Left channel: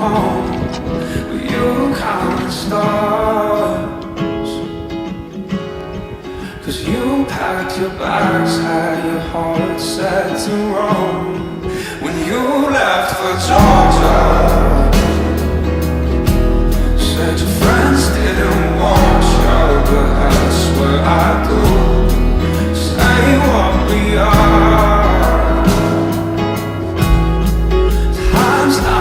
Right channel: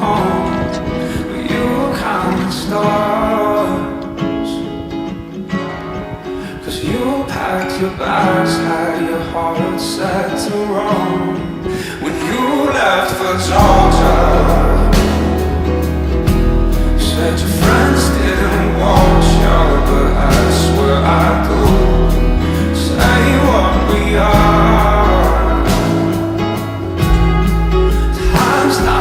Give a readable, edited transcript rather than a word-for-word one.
home. Were you counting stars? 'Cause you packed your bags, had your heart set to roam. When you left for Georgia, said your friends didn't watch you, but I swear I do. Say what we are.